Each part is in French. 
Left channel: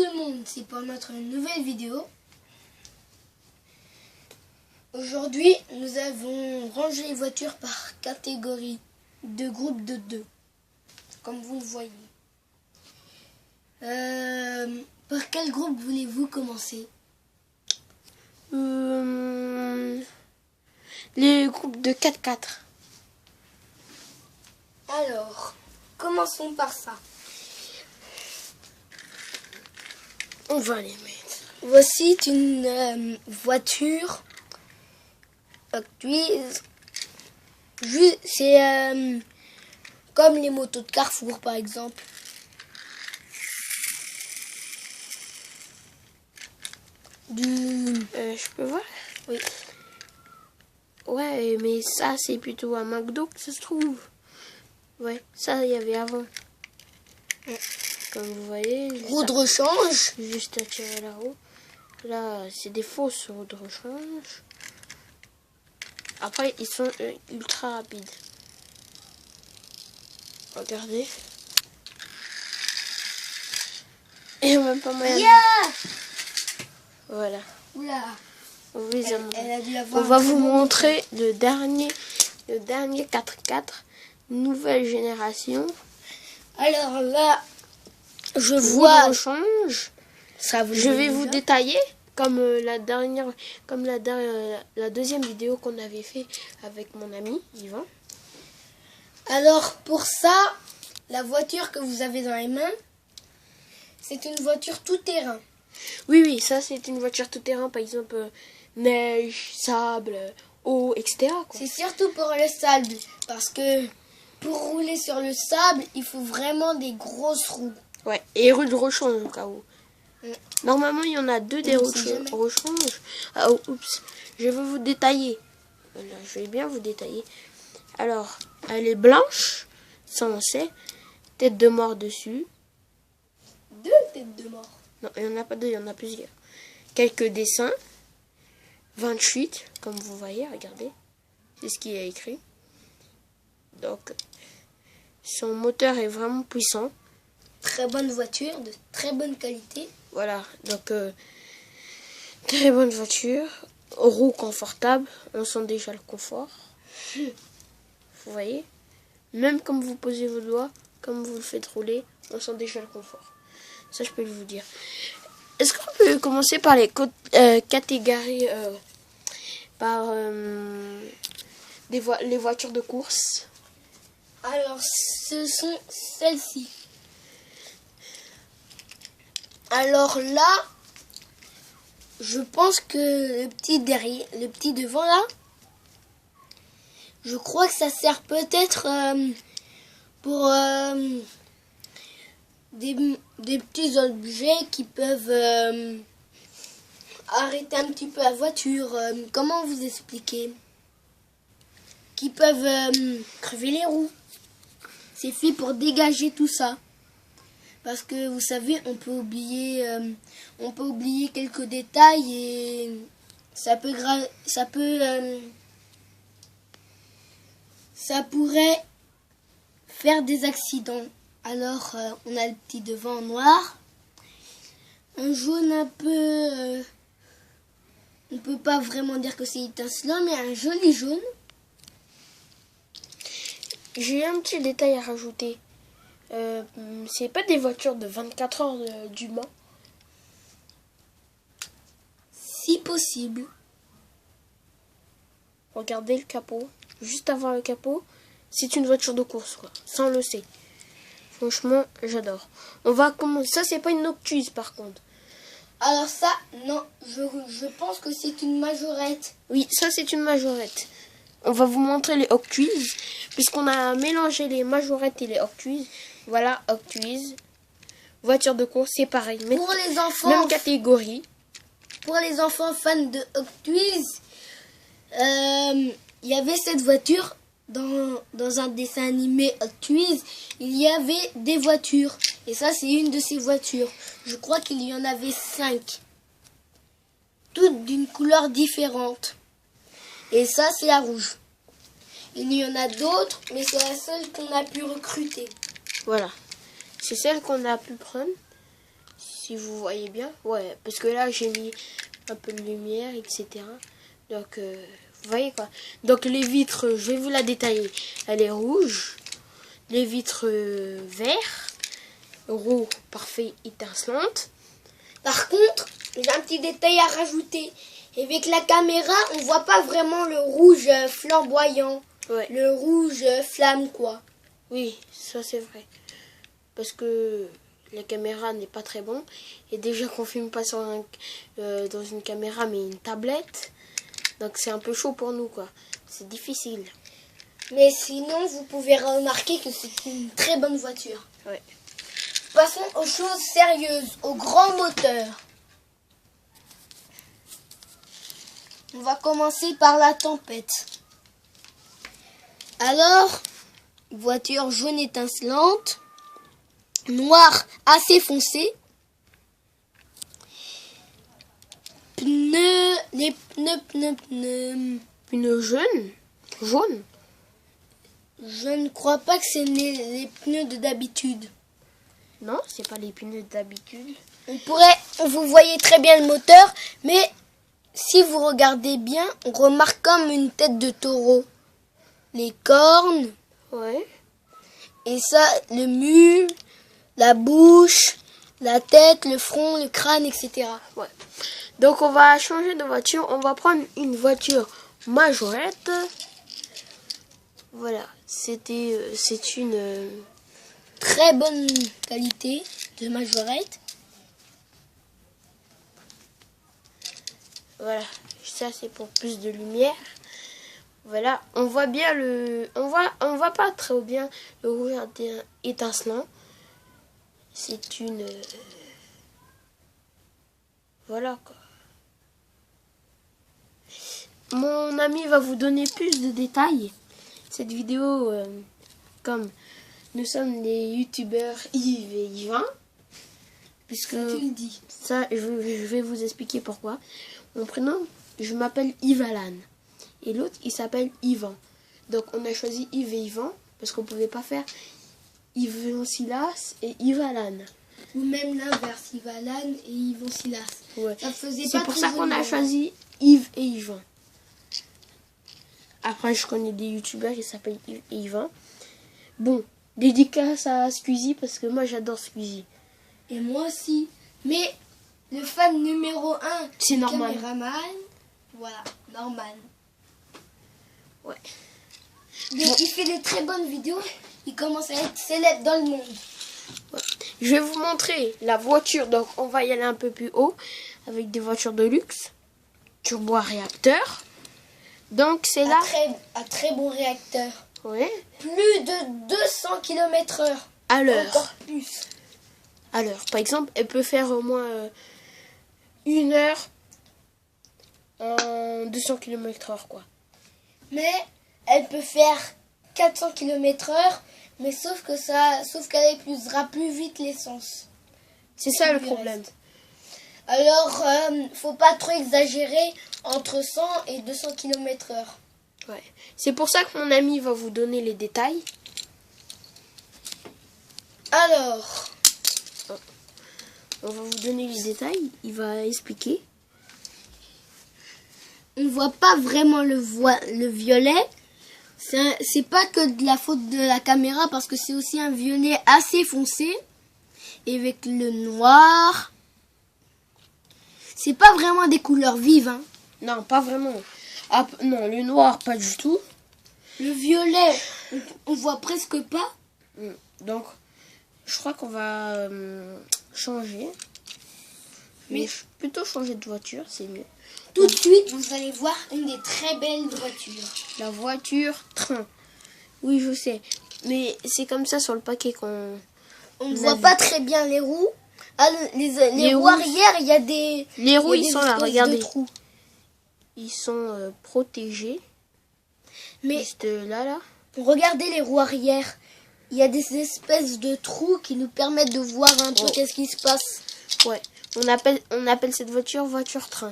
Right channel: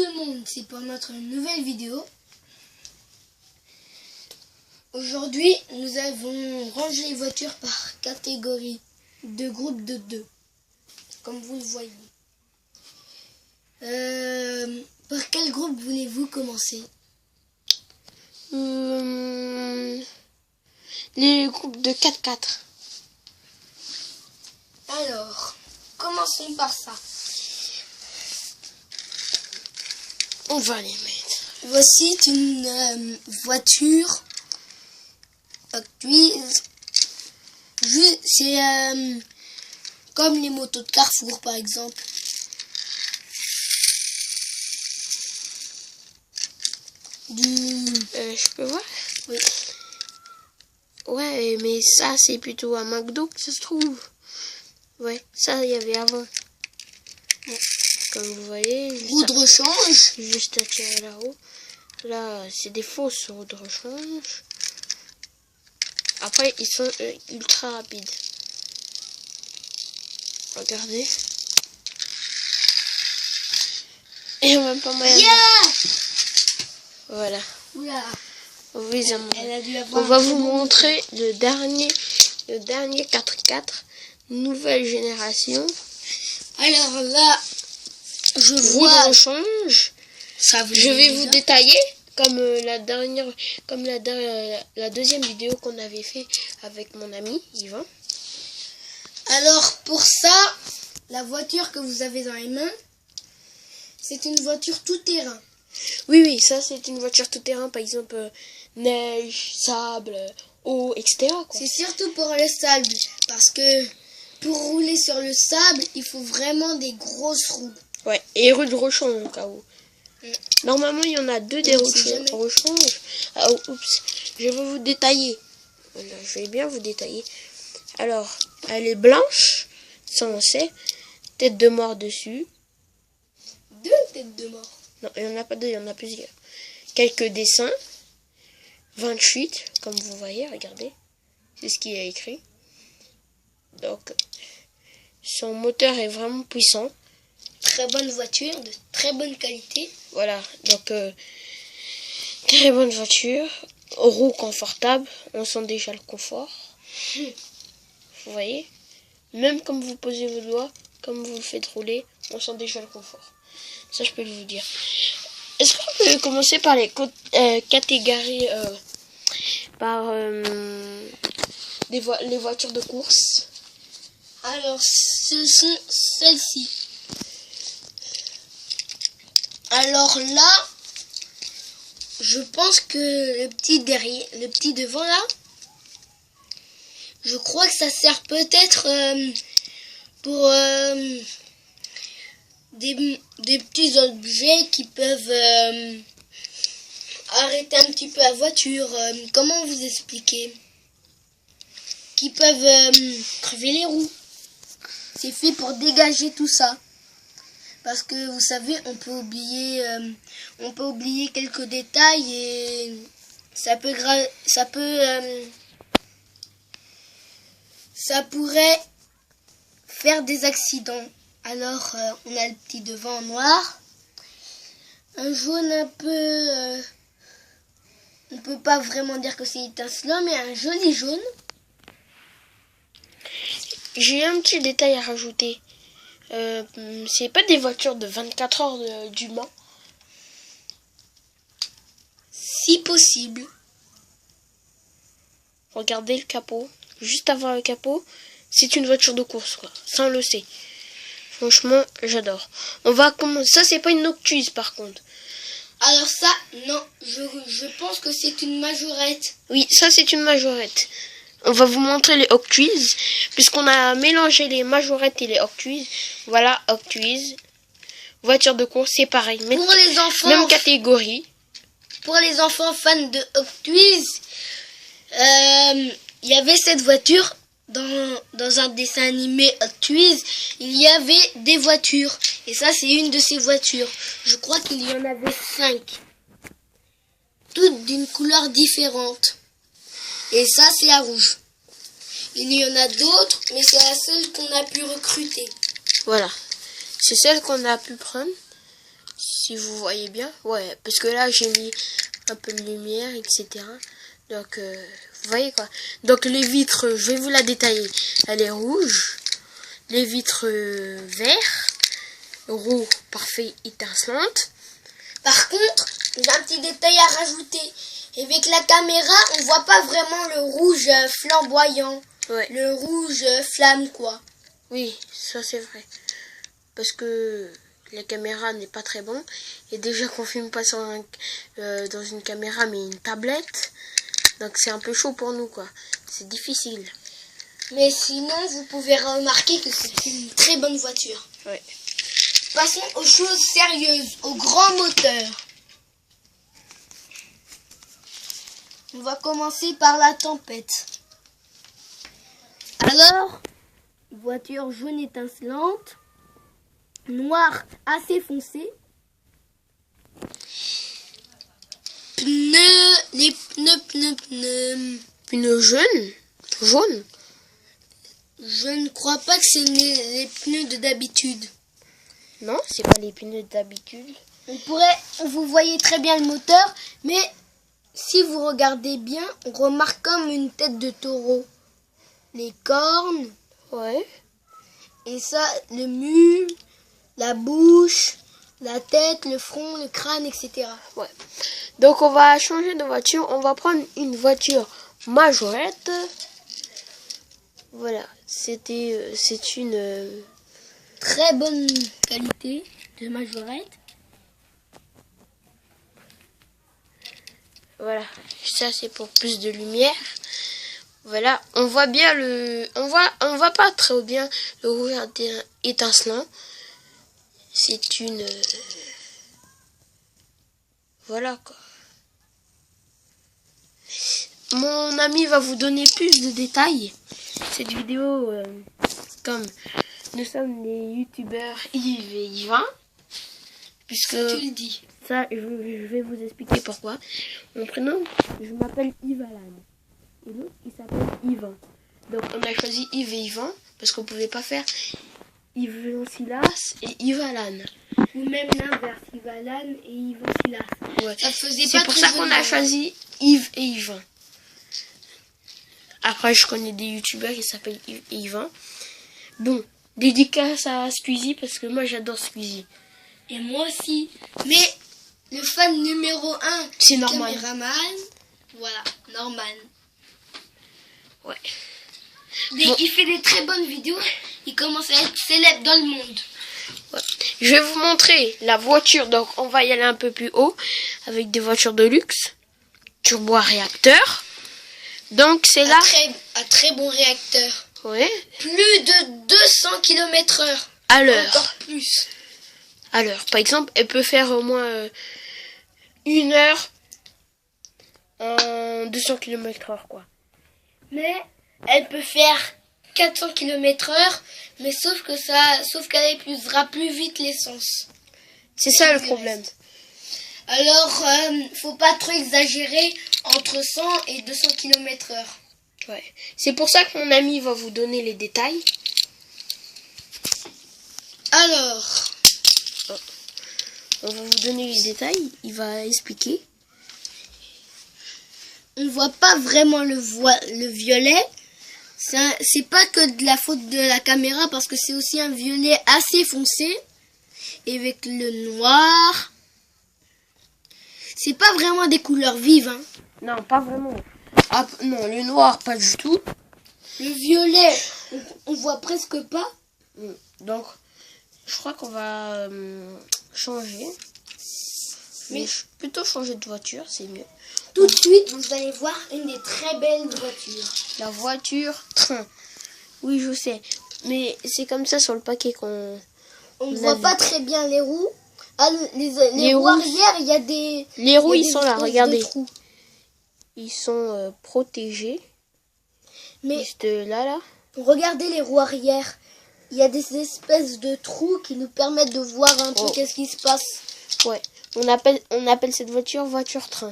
tout le monde, c'est pour notre nouvelle vidéo. Aujourd'hui, nous avons rangé les voitures par catégorie de groupe de 2, comme vous le voyez. Par quel groupe voulez-vous commencer? Les groupes de 4x4. Alors, commençons par ça. On va les mettre. Voici une voiture Octwiz. C'est comme les motos de Carrefour par exemple. Je peux voir? Oui. Ouais, mais ça c'est plutôt un McDo que ça se trouve. Ouais, ça il y avait avant. Comme vous voyez. Roue de rechange. Juste à tirer la roue. Là, c'est des fausses roues de rechange. Après, ils sont ultra rapides. Regardez. Et on va pas mal. Yeah! Voilà. Oula. Oui, Elle a dû avoir. on va vous montrer le dernier 4x4 nouvelle génération. Alors là, je Roue vois. de rechange. Ça vous Je vais déjà vous détailler comme la deuxième vidéo qu'on avait fait avec mon ami Yvan. Alors pour ça, la voiture que vous avez dans les mains, c'est une voiture tout-terrain. Oui, ça c'est une voiture tout-terrain, par exemple neige, sable, eau, etc. quoi. C'est surtout pour le sable, parce que pour rouler sur le sable, il faut vraiment des grosses roues. Ouais, et roue de rechange au cas où. Normalement, il y en a deux des On sait jamais. rechange. Ah, oups, je vais vous détailler. Voilà, je vais bien vous détailler. Alors, elle est blanche, ça on sait. Tête de mort dessus. 2 têtes de mort. Non, il n'y en a pas deux, il y en a plusieurs. Quelques dessins. 28, comme vous voyez, regardez. C'est ce qu'il y a écrit. Donc, son moteur est vraiment puissant. Très bonne voiture, de très bonne qualité. Voilà, donc très bonne voiture, roue confortable, on sent déjà le confort. Vous voyez, même comme vous posez vos doigts, comme vous le faites rouler, on sent déjà le confort. Ça, je peux vous dire. Est-ce qu'on peut commencer par les catégories, par les voitures de course? Alors ce sont celles-ci. Alors là, je pense que le petit devant là, je crois que ça sert peut-être pour des petits objets qui peuvent arrêter un petit peu la voiture. Comment vous expliquer? Qui peuvent crever les roues. C'est fait pour dégager tout ça. Parce que vous savez, on peut oublier quelques détails et ça pourrait faire des accidents. Alors, on a le petit devant noir, un jaune un peu, on ne peut pas vraiment dire que c'est étincelant, mais un joli jaune. J'ai un petit détail à rajouter. C'est pas des voitures de 24 heures du Mans. Si possible. Regardez le capot. Juste avant le capot, c'est une voiture de course, quoi. Ça, on le sait. Franchement, j'adore. On va commencer. Ça, c'est pas une Octwiz, par contre. Alors ça, non, je pense que c'est une majorette. Oui, ça, c'est une majorette. On va vous montrer les Octwiz, puisqu'on a mélangé les majorettes et les Octwiz. Voilà, Octwiz. Voiture de course, c'est pareil. Pour les enfants, même catégorie. Pour les enfants fans de Octwiz, il y avait cette voiture dans un dessin animé Octwiz. Il y avait des voitures. Et ça, c'est une de ces voitures. Je crois qu'il y en avait 5. Toutes d'une couleur différente. Et ça, c'est la rouge. Il y en a d'autres, mais c'est la seule qu'on a pu recruter. Voilà. C'est celle qu'on a pu prendre. Si vous voyez bien. Ouais, parce que là, j'ai mis un peu de lumière, etc. Donc, vous voyez quoi. Donc, les vitres, je vais vous la détailler. Elle est rouge. Les vitres verts. Roux, parfait, étincelante. Par contre, j'ai un petit détail à rajouter. Avec la caméra, on voit pas vraiment le rouge flamboyant. Ouais. Le rouge flamme, quoi. Oui, ça c'est vrai. Parce que la caméra n'est pas très bon. Et déjà qu'on filme pas dans une caméra, mais une tablette. Donc c'est un peu chaud pour nous, quoi. C'est difficile. Mais sinon, vous pouvez remarquer que c'est une très bonne voiture. Ouais. Passons aux choses sérieuses, aux grands moteurs. On va commencer par la tempête. Alors, voiture jaune étincelante, noir assez foncé, les Pneus jaune. Je ne crois pas que c'est les pneus d'habitude. Non, c'est pas les pneus d'habitude. Vous voyez très bien le moteur, mais si vous regardez bien, on remarque comme une tête de taureau. Les cornes, Ouais. et ça, le mule, la bouche, la tête, le front, le crâne, etc. Ouais. Donc on va changer de voiture. On va prendre une voiture majorette. Voilà. C'est une... Très bonne qualité de majorette. Voilà. Ça c'est pour plus de lumière. Voilà. On voit bien on voit pas très bien le rouge étincelant. C'est une... Voilà quoi. Mon ami va vous donner plus de détails. Cette vidéo, comme nous sommes des youtubeurs Yves et Yvan, puisque Tu le dis. ça, je vais vous expliquer pourquoi. Mon prénom, je m'appelle Yves Alan. Et l'autre, il s'appelle Yvan. Donc on a choisi Yves et Yvan, parce qu'on ne pouvait pas faire Yves Silas et Yves Alan. Ou même l'inverse, Yvalan et Yvon Silas. Ouais. Ça faisait C'est pas pour très ça qu'on joli. a choisi Yves et Yvan. Après, je connais des youtubeurs qui s'appellent Yves et Yvan. Bon, dédicace à Squeezie parce que moi j'adore Squeezie. Et moi aussi. Mais le fan numéro 1, C'est du Norman. caméraman, voilà, Norman. Ouais. Il fait des très bonnes vidéos. Il commence à être célèbre dans le monde. Ouais. Je vais vous montrer la voiture. Donc, on va y aller un peu plus haut avec des voitures de luxe. Turbo à réacteur. Donc, c'est là. Un très bon réacteur. Ouais. Plus de 200 km/h. À l'heure. Encore plus. À l'heure. Par exemple, elle peut faire au moins 1 heure en 200 km/h, quoi. Mais elle peut faire 400 km/h. Mais sauf qu'elle épuisera plus vite l'essence. C'est ça le Du problème. reste. Alors, faut pas trop exagérer entre 100 et 200 km/h. Ouais. C'est pour ça que mon ami va vous donner les détails. Alors, On va vous donner les détails. Il va expliquer. on voit pas vraiment le violet. C'est pas que de la faute de la caméra parce que c'est aussi un violet assez foncé. Et avec le noir. C'est pas vraiment des couleurs vives, hein. Non, pas vraiment. Ah, non, le noir, pas du tout. Le violet, on voit presque pas. Donc, je crois qu'on va changer. Mais plutôt changer de voiture, c'est mieux. Tout de suite, vous allez voir une des très belles voitures. La voiture train. Oui, je sais. Mais c'est comme ça sur le paquet qu'on... On ne voit pas très bien les roues. Ah, les roues roues. arrière, il y a des... Les roues, il y a ils des sont là, espèces de regardez. trous. Ils sont protégés. Mais Juste là. regardez les roues arrière. Il y a des espèces de trous qui nous permettent de voir un peu Oh. qu'est-ce qui se passe. Ouais. On appelle cette voiture voiture-train.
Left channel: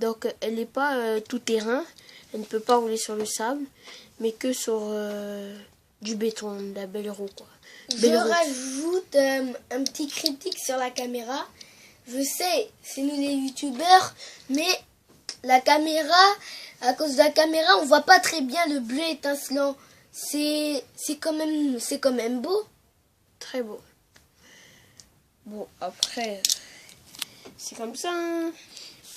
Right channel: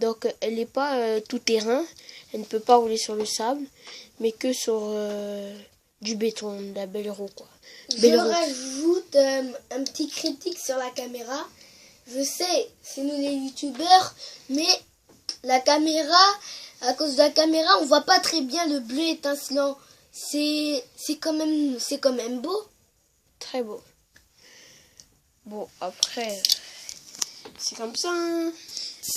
Donc, elle n'est pas tout terrain. Elle ne peut pas rouler sur le sable, mais que sur du béton, de la belle roue, quoi. Je Belle roue. rajoute un petit critique sur la caméra. Je sais, c'est nous les youtubeurs, mais la caméra, à cause de la caméra, on voit pas très bien le bleu étincelant. C'est quand même beau. Très beau. Bon, après, c'est comme ça. Hein.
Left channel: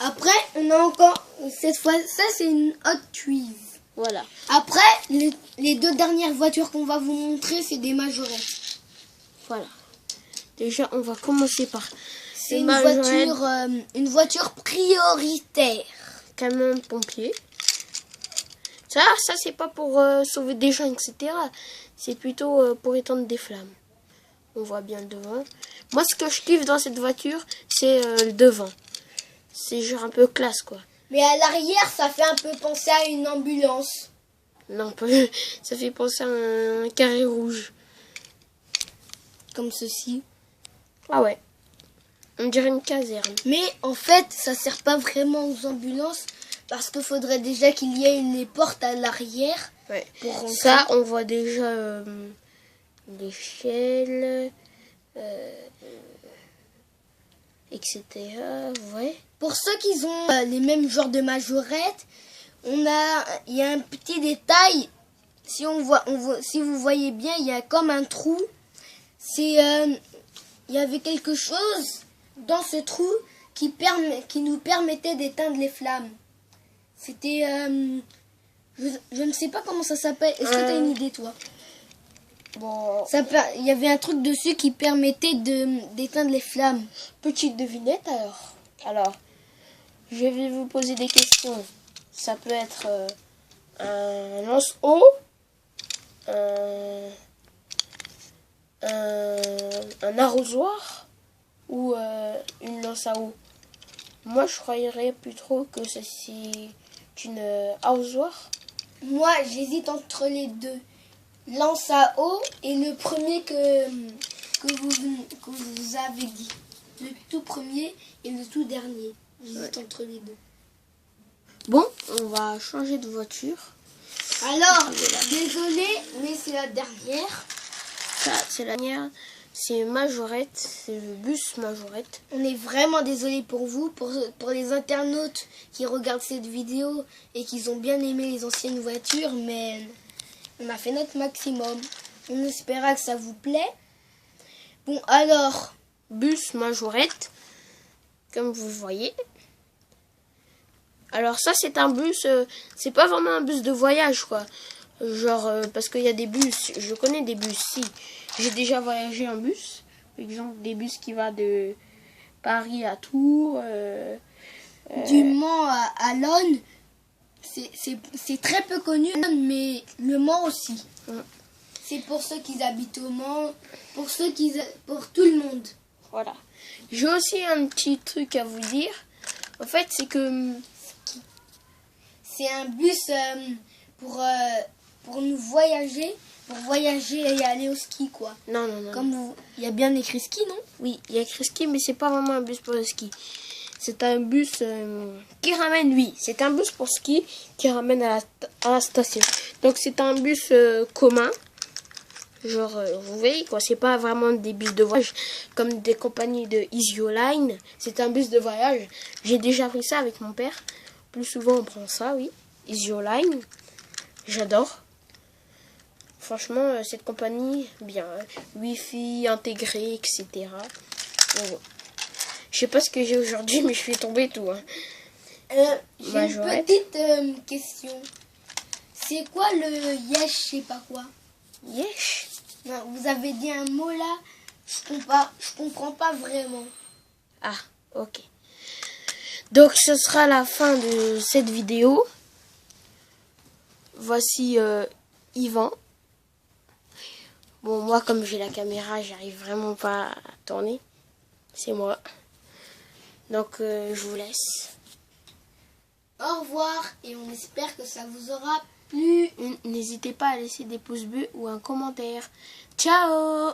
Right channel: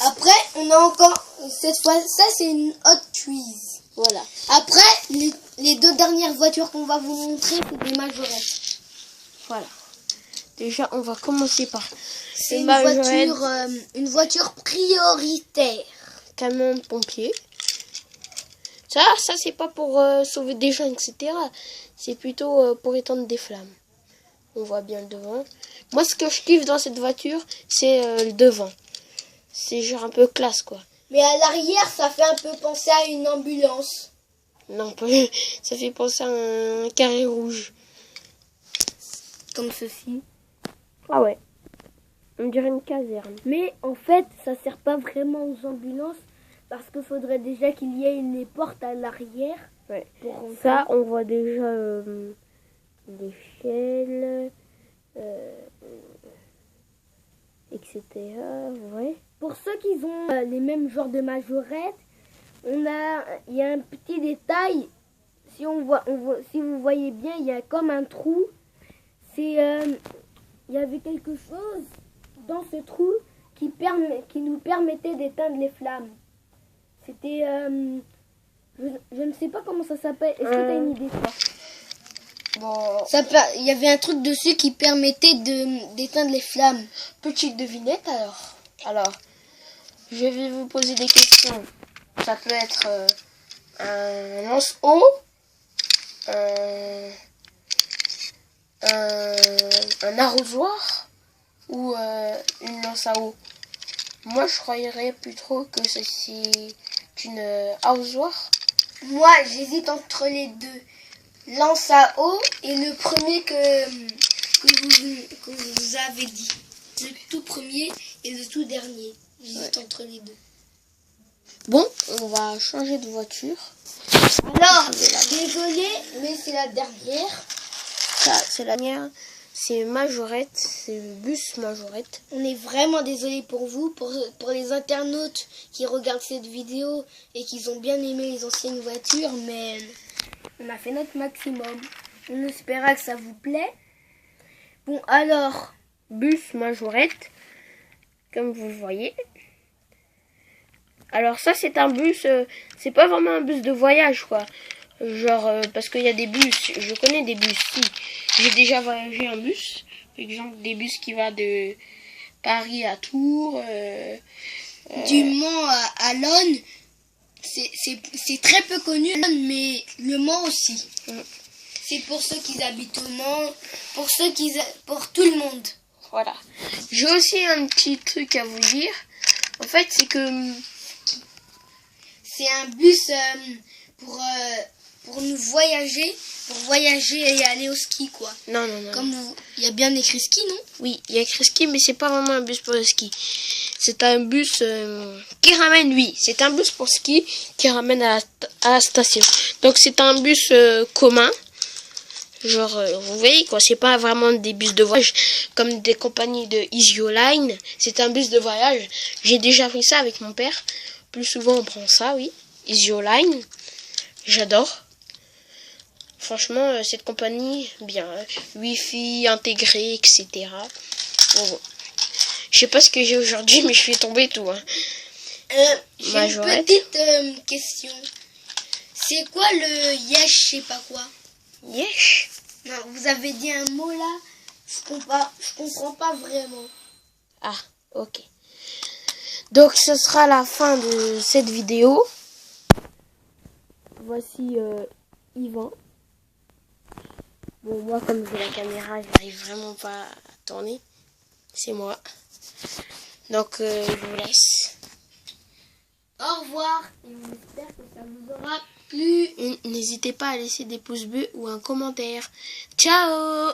Après, on a encore, cette fois, ça c'est une Hot Wheels. Voilà. Après, les deux dernières voitures qu'on va vous montrer, c'est des majorettes. Voilà. Déjà, on va commencer par... C'est une voiture prioritaire. Camion de pompier. Ça c'est pas pour sauver des gens, etc. C'est plutôt pour éteindre des flammes. On voit bien le devant. Moi, ce que je kiffe dans cette voiture, c'est le devant. C'est genre un peu classe, quoi. Mais à l'arrière, ça fait un peu penser à une ambulance. Non, ça fait penser à un carré rouge. Comme ceci. Ah ouais. On dirait une caserne. Mais en fait, ça sert pas vraiment aux ambulances parce qu'il faudrait déjà qu'il y ait une porte à l'arrière Ouais. pour rentrer. Ça, on voit déjà l'échelle, etc. Ouais. Pour ceux qui ont les mêmes genres de majorettes, il y a un petit détail. Si si vous voyez bien, il y a comme un trou. Il y avait quelque chose dans ce trou qui nous permettait d'éteindre les flammes. C'était... je ne sais pas comment ça s'appelle. Est-ce que tu as une idée, toi? Bon. Il y avait un truc dessus qui permettait d'éteindre les flammes. Petite devinette alors. Alors, je vais vous poser des questions. Ça peut être un lance-eau, un arrosoir ou une lance à eau. Moi, je croirais plutôt que c'est une arrosoir. Moi, j'hésite entre les deux. Lance à eau et le premier que vous avez dit. Le tout premier et le tout dernier. J'hésite entre les deux. Bon, on va changer de voiture. Alors, désolé, mais c'est la dernière. Ça, c'est la dernière. C'est Majorette, c'est le bus Majorette. On est vraiment désolé pour vous, pour les internautes qui regardent cette vidéo et qui ont bien aimé les anciennes voitures, mais on a fait notre maximum. On espéra que ça vous plaît. Bon, alors, Bus Majorette, comme vous voyez. Alors ça, c'est un bus, c'est pas vraiment un bus de voyage, quoi. Genre, parce qu'il y a des bus, je connais des bus, si. J'ai déjà voyagé en bus. Par exemple, des bus qui vont de Paris à Tours. du Mans à Lonne, c'est très peu connu, mais Le Mans aussi. C'est pour ceux qui habitent au Mans, pour tout le monde. Voilà. J'ai aussi un petit truc à vous dire. En fait, c'est que... C'est un bus pour nous voyager, et aller au ski, quoi. Non. Comme il y a bien écrit ski, non? Oui, il y a écrit ski, mais c'est pas vraiment un bus pour le ski. C'est un bus qui ramène, oui, c'est un bus pour ski qui ramène à la station. Donc c'est un bus commun. Genre, vous voyez quoi, c'est pas vraiment des bus de voyage comme des compagnies de Easyline. C'est un bus de voyage. J'ai déjà fait ça avec mon père. Plus souvent on prend ça, oui. Easyline. J'adore. Franchement, cette compagnie, bien. Wi-Fi intégré, etc. Bon. Je sais pas ce que j'ai aujourd'hui, mais je suis tombée tout. Hein. J'ai une petite question. C'est quoi le yesh, je sais pas quoi? Yesh. Vous avez dit un mot là, je comprends pas vraiment. Ah, ok. Donc ce sera la fin de cette vidéo. Voici Yvan. Bon, moi comme j'ai la caméra, j'arrive vraiment pas à tourner. C'est moi. Donc je vous laisse. Au revoir et on espère que ça vous aura plu. N'hésitez pas à laisser des pouces bleus ou un commentaire. Ciao!